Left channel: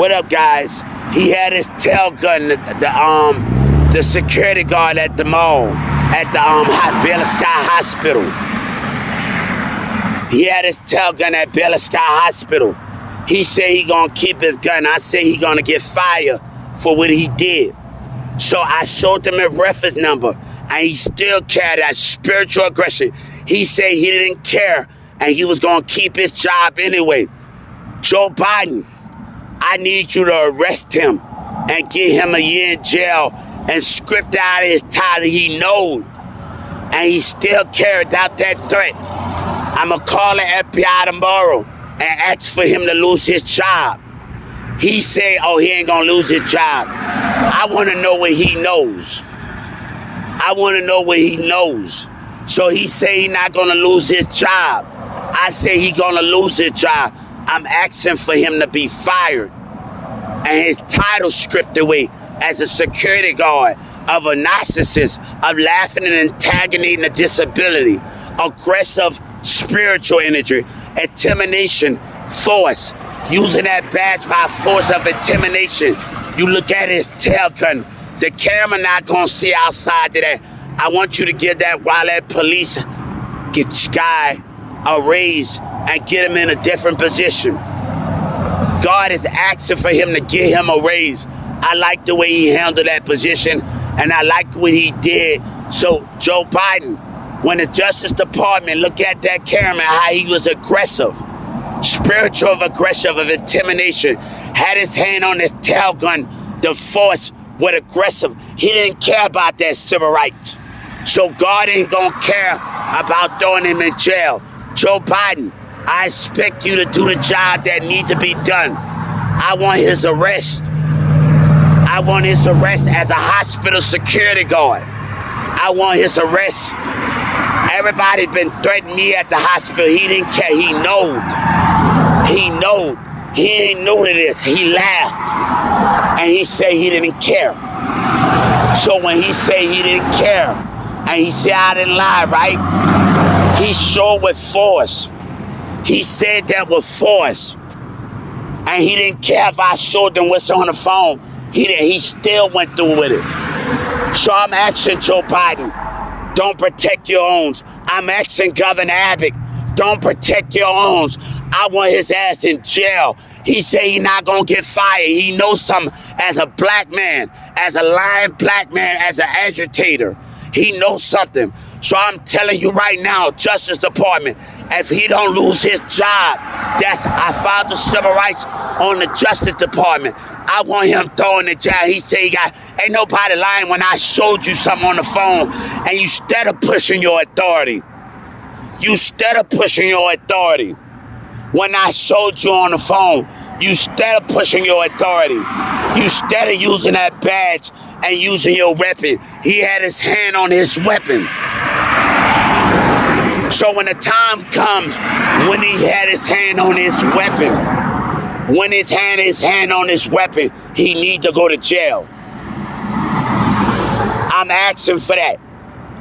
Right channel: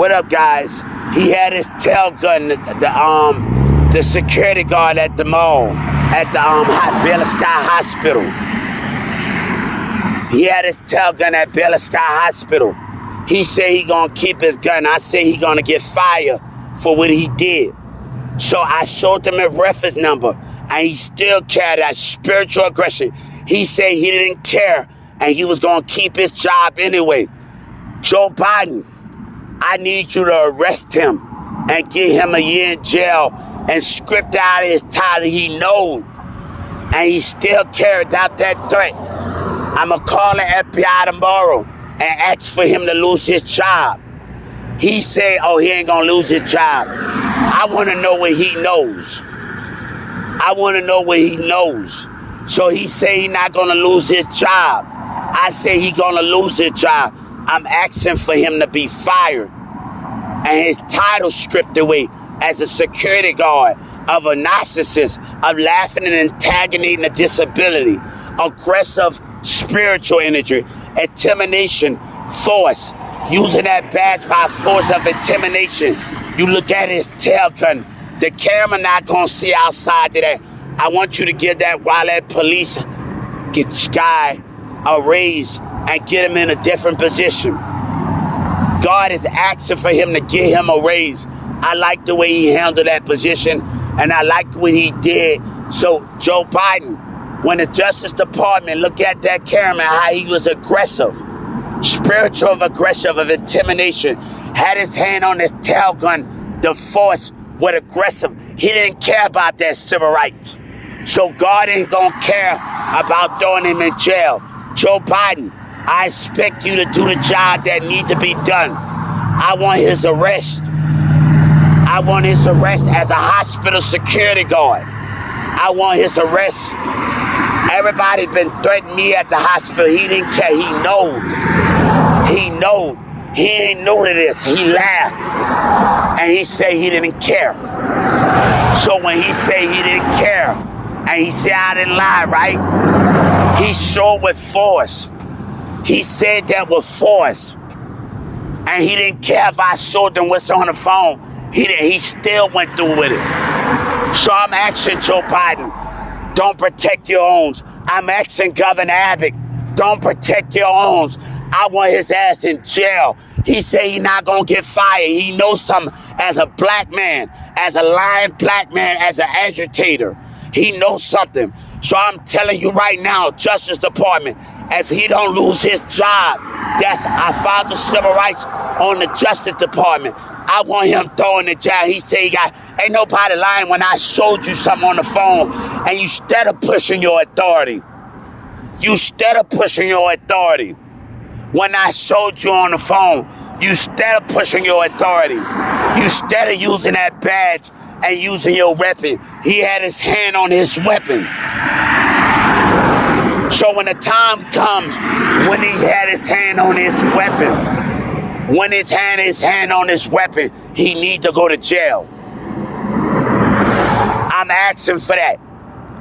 What up, guys? He had his tail gun, the security guard at the mall, at the Bella Sky Hospital. He had his tail gun at Bella Sky Hospital. He said he gonna keep his gun. I said he gonna get fired for what he did. So I showed him a reference number, and he still carried that spiritual aggression. He said he didn't care, and he was gonna keep his job anyway. Joe Biden, I need you to arrest him and get him a year in jail and script out his title. He knows, and he still carried out that threat. I'ma call the FBI tomorrow and ask for him to lose his job. He said, oh, he ain't gonna lose his job. I wanna know what he knows. I wanna know what he knows. So he said he's not gonna lose his job. I say he gonna lose his job. I'm asking for him to be fired and his title stripped away as a security guard of a narcissist, of laughing and antagonizing a disability, aggressive spiritual energy, intimidation, force, using that badge by force of intimidation. You look at his tail gun, the camera not gonna see outside of that. I want you to give that while that police get this guy a raise and get him in a different position. God is asking for him to get him a raise. I like the way he handled that position, and I like what he did. So Joe Biden, when the Justice Department look at that camera, how he was aggressive, spiritual aggressive of intimidation, had his hand on his tail gun, the force was aggressive. He didn't care about that civil rights. So God ain't gonna care about throwing him in jail. Joe Biden, I expect you to do the job that need to be done. I want his arrest. I want his arrest as a hospital security guard. I want his arrest. Everybody been threatening me at the hospital. He didn't care. He knowed. He knowed. He ain't new to this. He laughed. And he said he didn't care. So when he said he didn't care, and he said I didn't lie, right? He showed with force. He said that with force. And he didn't care if I showed him what's on the phone. He still went through with it. So I'm asking Joe Biden, don't protect your own. I'm asking Governor Abbott, don't protect your own. I want his ass in jail. He said he's not going to get fired. He knows something as a black man, as a lying black man, as an agitator. He knows something. So I'm telling you right now, Justice Department, if he don't lose his job, I filed the civil rights on the Justice Department. I want him thrown in the jail. He said ain't nobody lying when I showed you something on the phone and you instead of pushing your authority. You instead of pushing your authority. When I showed you on the phone, you instead of pushing your authority. You instead of using that badge and using your weapon. He had his hand on his weapon. So when the time comes, when he had his hand on his weapon, when his hand on his weapon, he need to go to jail. I'm asking for that.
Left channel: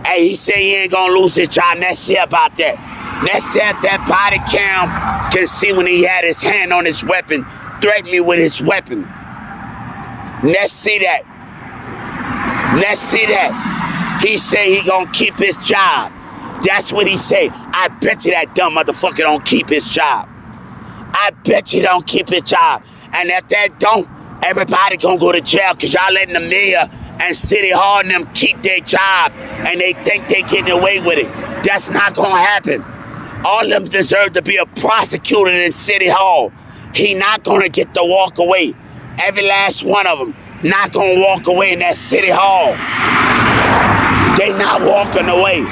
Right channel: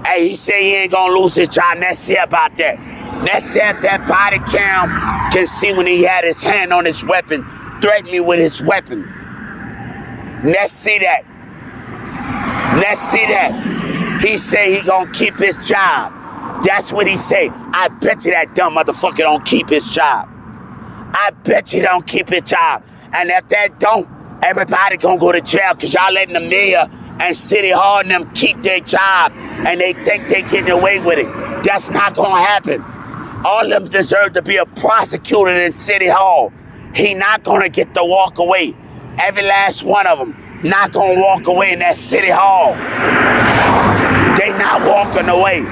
Hey, he said he ain't gonna lose his job. Let's see about that. Let's see if that body cam can see when he had his hand on his weapon, threaten me with his weapon. Let's see that. Let's see that. He say he gonna keep his job. That's what he say. I bet you that dumb motherfucker don't keep his job. I bet you don't keep his job. And if that don't, everybody gonna go to jail because y'all letting the mayor and City Hall and them keep their job and they think they getting away with it. That's not gonna happen. All of them deserve to be a prosecutor in City Hall. He not gonna get to walk away. Every last one of them not gonna walk away in that City Hall. They not walking away.